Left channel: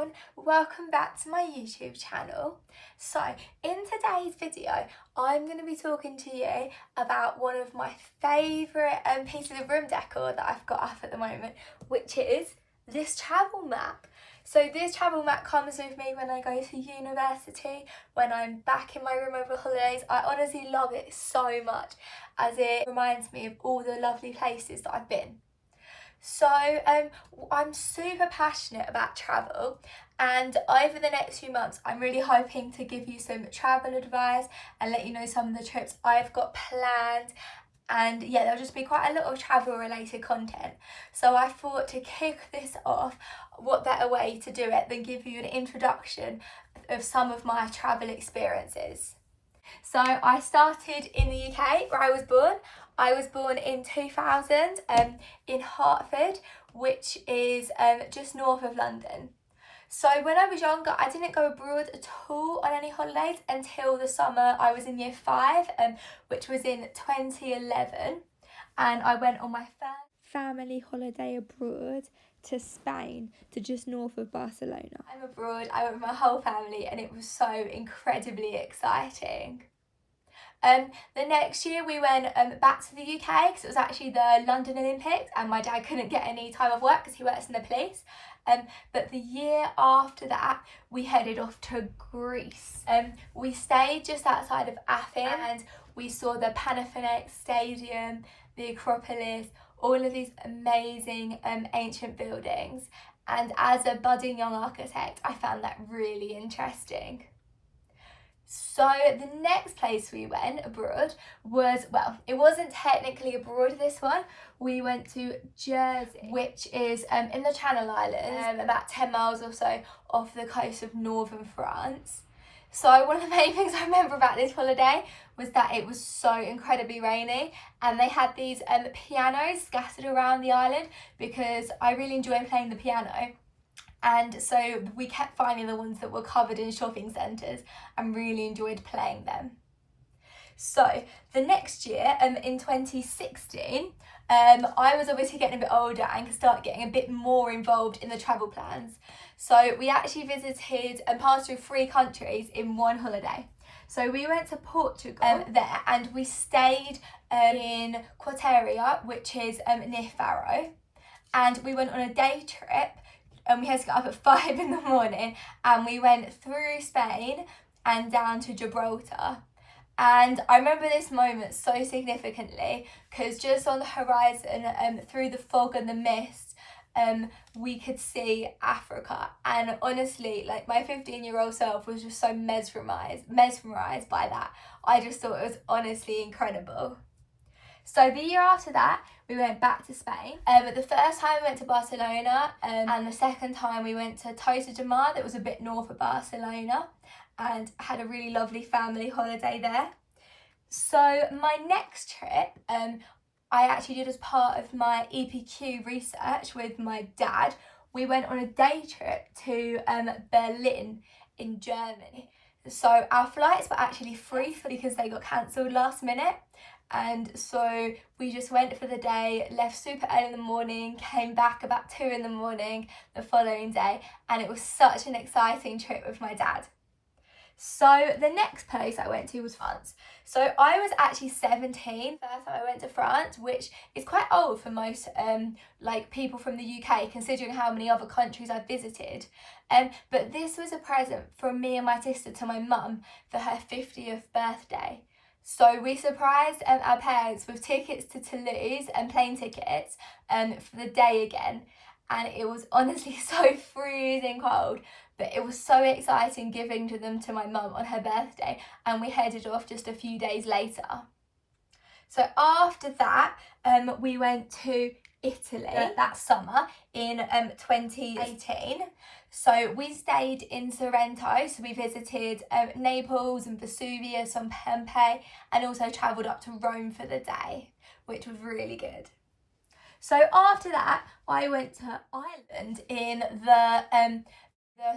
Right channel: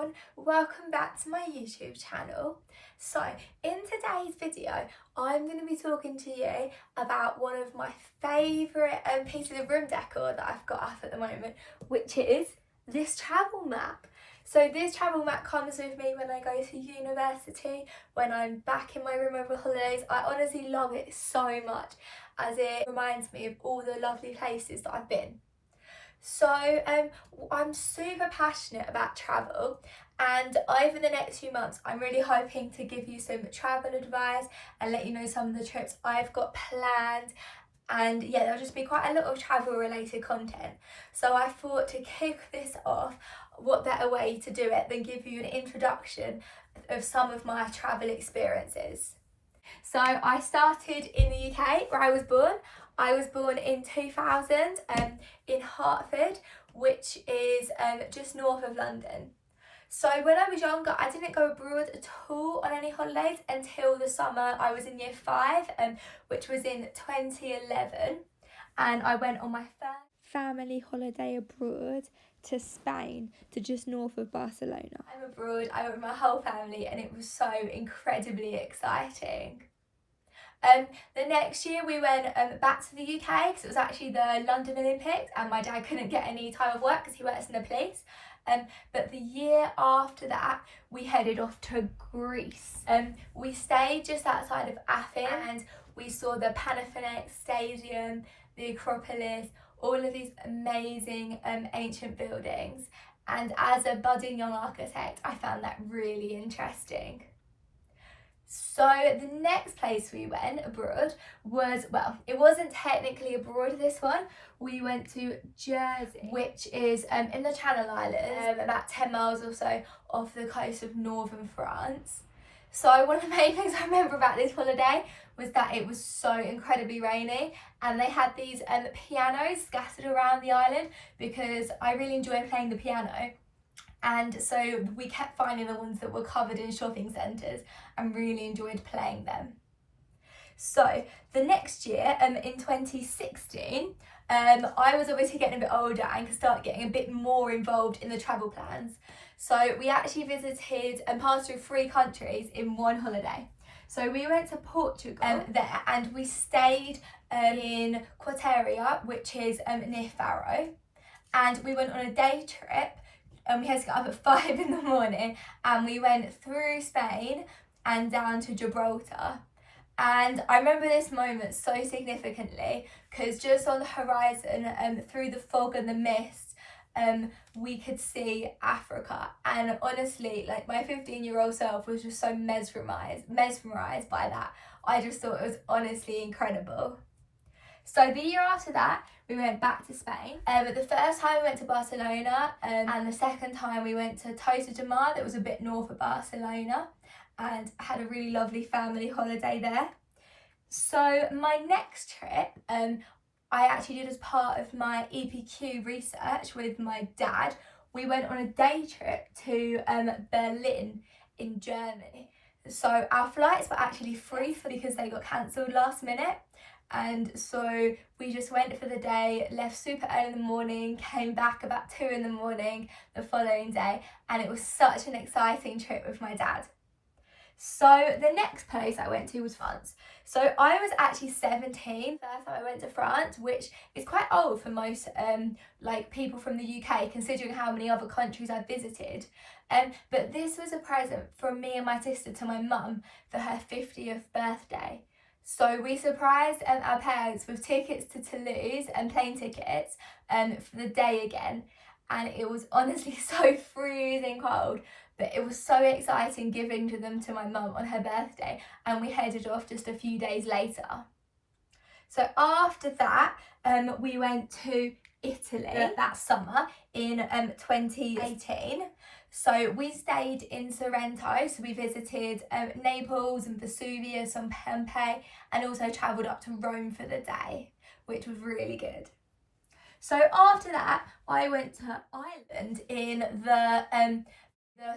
everyone, welcome back to my YouTube channel. So in today's video I'm going to be talking to you about one of my favourite pieces of room decor that I've got up at the moment, which is this travel map. So this travel map comes with me when I go to university, when I'm back in my room over holidays. I honestly love it so much as it reminds me of all the lovely places that I've been. So I'm super passionate about travel, and over the next few months I'm really hoping to give you some travel advice and let you know some of the trips I've got planned. And yeah, there'll just be quite a lot of travel related content. So I thought to kick this off, what better way to do it than give you an introduction of some of my travel experiences. So I started in the UK where I was born. I was born in 2000 in Hertford, which is just north of London. So when I was younger, I didn't go abroad at all on any holidays until the summer I was in year 5, which was in 2011. And I went on my first family holiday abroad to Spain, to just north of Barcelona. I'm abroad, I went with my whole family, and it was so incredibly exciting. The next year we went back to the UK because it was actually the London Olympics, and my dad couldn't get any time off work because he works in the police. But the year after that we headed off to Greece. We stayed just outside of Athens and we saw the Panathinaikos Stadium, the Acropolis, all of these amazing ancient buildings, and as a budding young architect I found that really interesting. So the next place we went abroad was, well, it wasn't technically abroad, this one. We went to Jersey, which is in the Channel Islands, about 10 miles or so off the coast of northern France. So one of the main things I remember about this holiday was that it was so incredibly rainy, and they had these pianos scattered around the island because I really enjoy playing the piano. And so we kept finding the ones that were covered in shopping centres and really enjoyed playing them. So the next year, in 2016, I was obviously getting a bit older and could start getting a bit more involved in the travel plans. So we actually visited and passed through 3 countries in one holiday. So we went to Portugal there, and we stayed in Quateria, which is near FARO. And we went on a day trip. And we had to get up at 5 in the morning, and we went through Spain and down to Gibraltar. And I remember this moment so significantly because just on the horizon, through the fog and the mist, we could see Africa. And honestly, like, my 15-year-old self was just so mesmerised by that. I just thought it was honestly incredible. So the year after that, we went back to Spain. The first time we went to Barcelona, and the second time we went to Tossa de Mar, that was a bit north of Barcelona, and had a really lovely family holiday there. So my next trip, I actually did as part of my EPQ research with my dad. We went on a day trip to Berlin in Germany. So our flights were actually free because they got cancelled last minute. And so we just went for the day, left super early in the morning, came back about 2 in the morning the following day, and it was such an exciting trip with my dad. So the next place I went to was France. So I was actually 17 first time I went to France, which is quite old for most people from the UK, considering how many other countries I've visited. But this was a present from me and my sister to my mum for her 50th birthday. So we surprised our parents with tickets to Toulouse and plane tickets for the day again. And it was honestly so freezing cold, but it was so exciting giving them to my mum on her birthday, and we headed off just a few days later. So after that, we went to Italy that summer in 2018. So we stayed in Sorrento, so we visited Naples and Vesuvius and Pompeii, and also travelled up to Rome for the day, which was really good. So after that, I went to Ireland in the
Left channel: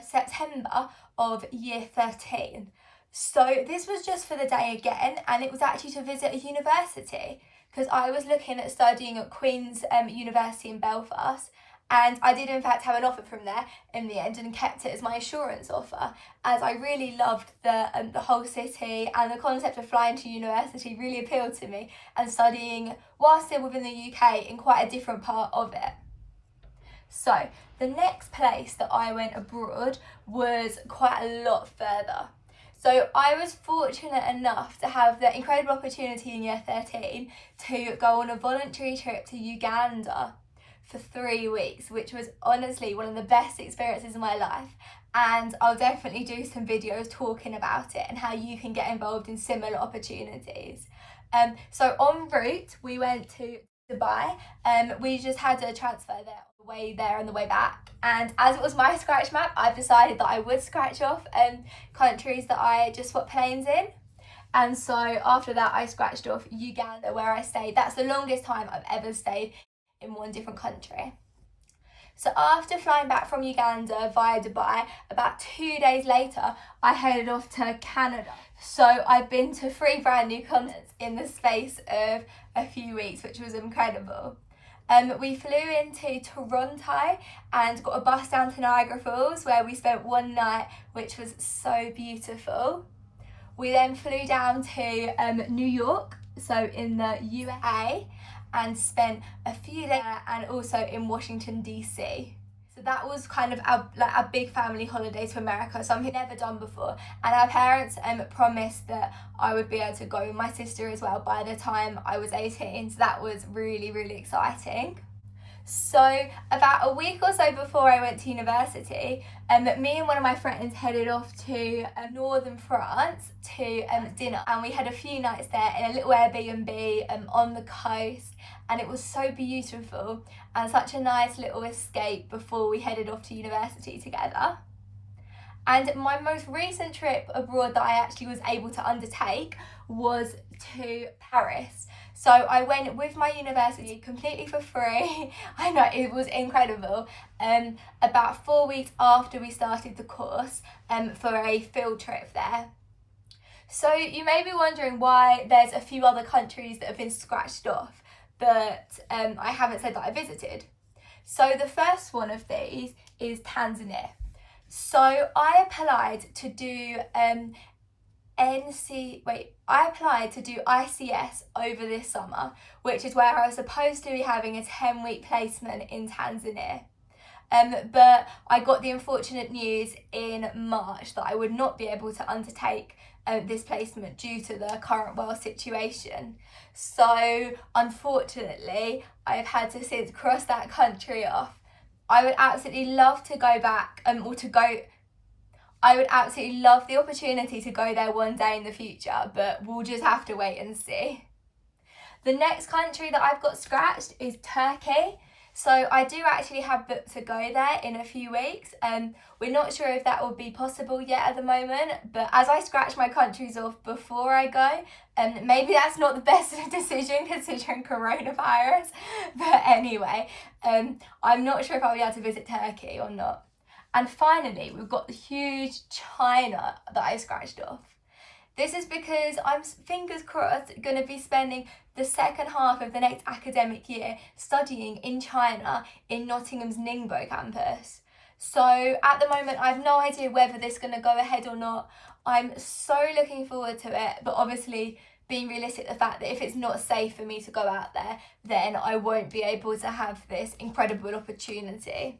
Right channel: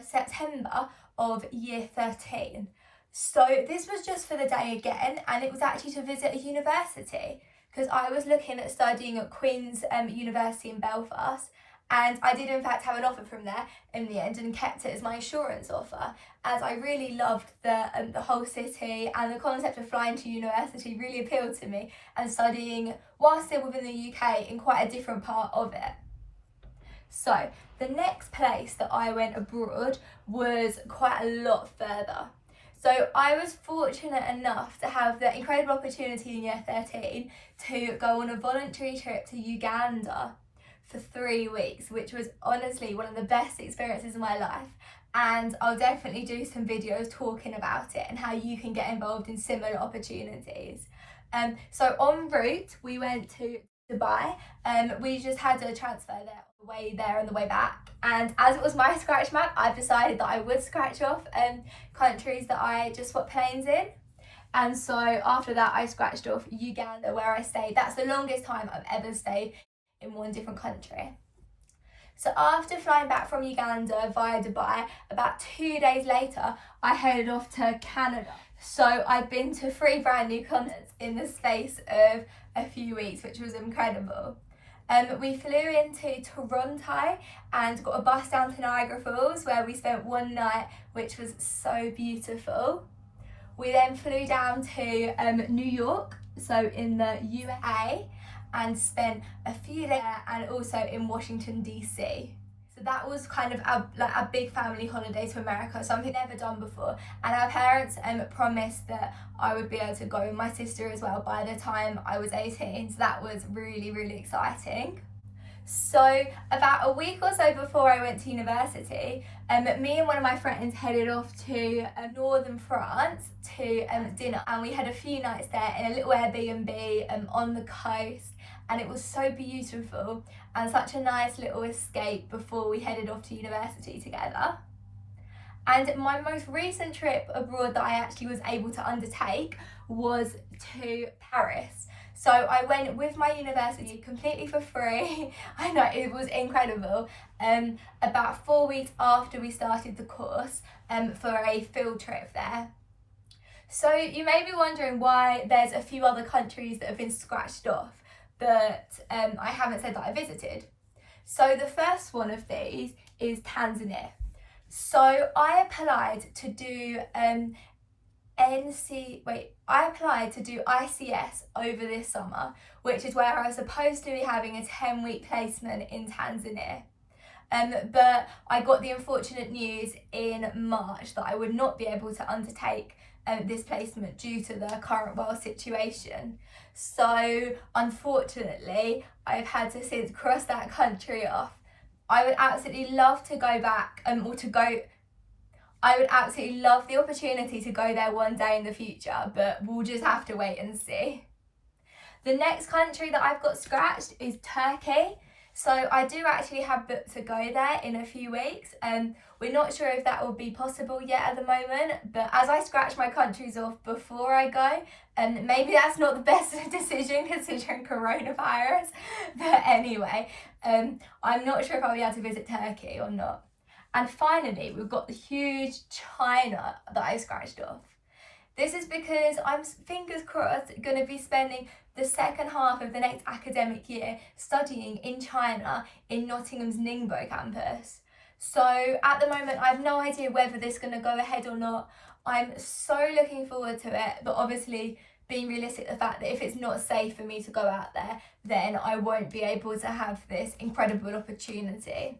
September of year 13. So this was just for the day again, and it was actually to visit a university because I was looking at studying at Queen's University in Belfast, And I did in fact have an offer from there in the end and kept it as my assurance offer, as I really loved the whole city, and the concept of flying to university really appealed to me, and studying while still within the UK in quite a different part of it. So the next place that I went abroad was quite a lot further. So I was fortunate enough to have the incredible opportunity in year 13 to go on a voluntary trip to Uganda for 3 weeks, which was honestly one of the best experiences of my life. And I'll definitely do some videos talking about it and how you can get involved in similar opportunities. So en route, we went to Dubai. We just had a transfer there on the way there and the way back. And as it was my scratch map, I've decided that I would scratch off countries that I just swapped planes in. And so after that, I scratched off Uganda, where I stayed. That's the longest time I've ever stayed in one different country. So after flying back from Uganda via Dubai, about 2 days later, I headed off to Canada. So I've been to 3 brand new continents in the space of a few weeks, which was incredible. We flew into Toronto and got a bus down to Niagara Falls, where we spent one night, which was so beautiful. We then flew down to New York, so in the USA, and spent a few days there, and also in Washington DC. So that was kind of a big family holiday to America, something I've never done before. And our parents promised that I would be able to go with my sister as well by the time I was 18. So that was really, really exciting. So about a week or so before I went to university, me and one of my friends headed off to northern France to dinner, and we had a few nights there in a little Airbnb on the coast, and it was so beautiful and such a nice little escape before we headed off to university together. And my most recent trip abroad that I actually was able to undertake was to Paris. So I went with my university completely for free. I know, it was incredible. About 4 weeks after we started the course, for a field trip there. So you may be wondering why there's a few other countries that have been scratched off, but I haven't said that I visited. So the first one of these is Tanzania. So I applied to do ICS over this summer, which is where I was supposed to be having a 10-week placement in Tanzania. But I got the unfortunate news in March that I would not be able to undertake this placement due to the current world situation. So unfortunately, I've had to since cross that country off. I would absolutely love to go back, I would absolutely love the opportunity to go there one day in the future, but we'll just have to wait and see. The next country that I've got scratched is Turkey. So I do actually have booked to go there in a few weeks. We're not sure if that will be possible yet at the moment, but as I scratch my countries off before I go, maybe that's not the best decision considering coronavirus. But anyway, I'm not sure if I'll be able to visit Turkey or not. And finally, we've got the huge China that I scratched off. This is because I'm, fingers crossed, going to be spending the second half of the next academic year studying in China in Nottingham's Ningbo campus. So at the moment, I have no idea whether this is going to go ahead or not. I'm so looking forward to it, but obviously being realistic, the fact that if it's not safe for me to go out there, then I won't be able to have this incredible opportunity.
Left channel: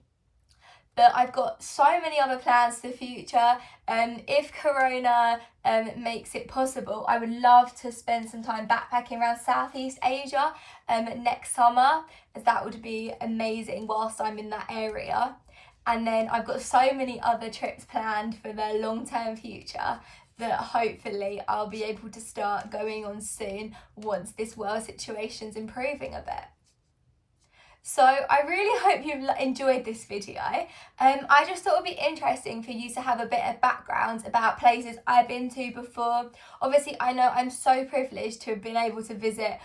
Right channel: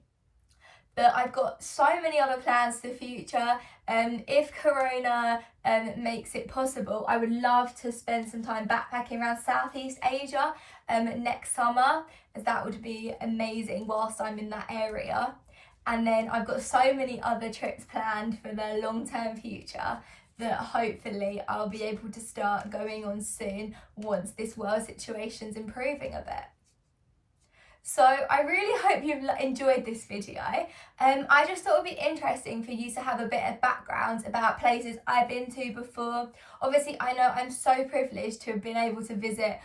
But I've got so many other plans for the future. If Corona makes it possible, I would love to spend some time backpacking around Southeast Asia next summer, as that would be amazing whilst I'm in that area. And then I've got so many other trips planned for the long-term future that hopefully I'll be able to start going on soon once this world situation's improving a bit. So I really hope you've enjoyed this video. I just thought it would be interesting for you to have a bit of background about places I've been to before. Obviously, I know I'm so privileged to have been able to visit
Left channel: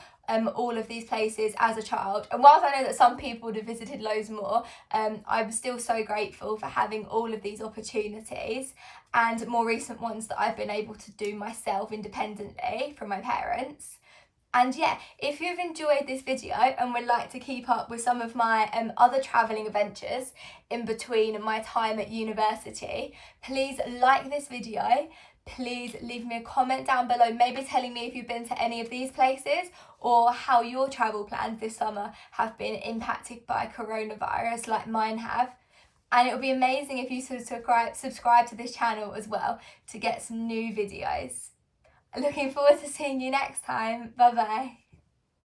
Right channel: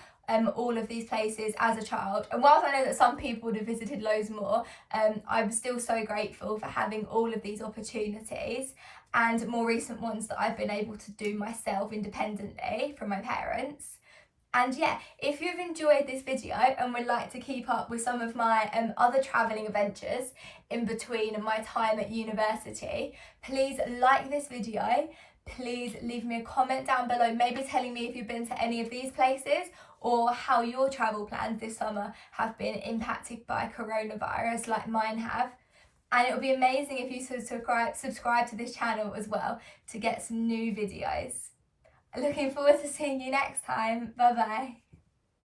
all of these places as a child. And whilst I know that some people would have visited loads more, I'm still so grateful for having all of these opportunities and more recent ones that I've been able to do myself independently from my parents. And yeah, if you've enjoyed this video and would like to keep up with some of my other travelling adventures in between my time at university, please like this video. Please leave me a comment down below, maybe telling me if you've been to any of these places or how your travel plans this summer have been impacted by coronavirus like mine have. And it would be amazing if you subscribe to this channel as well to get some new videos. Looking forward to seeing you next time. Bye bye.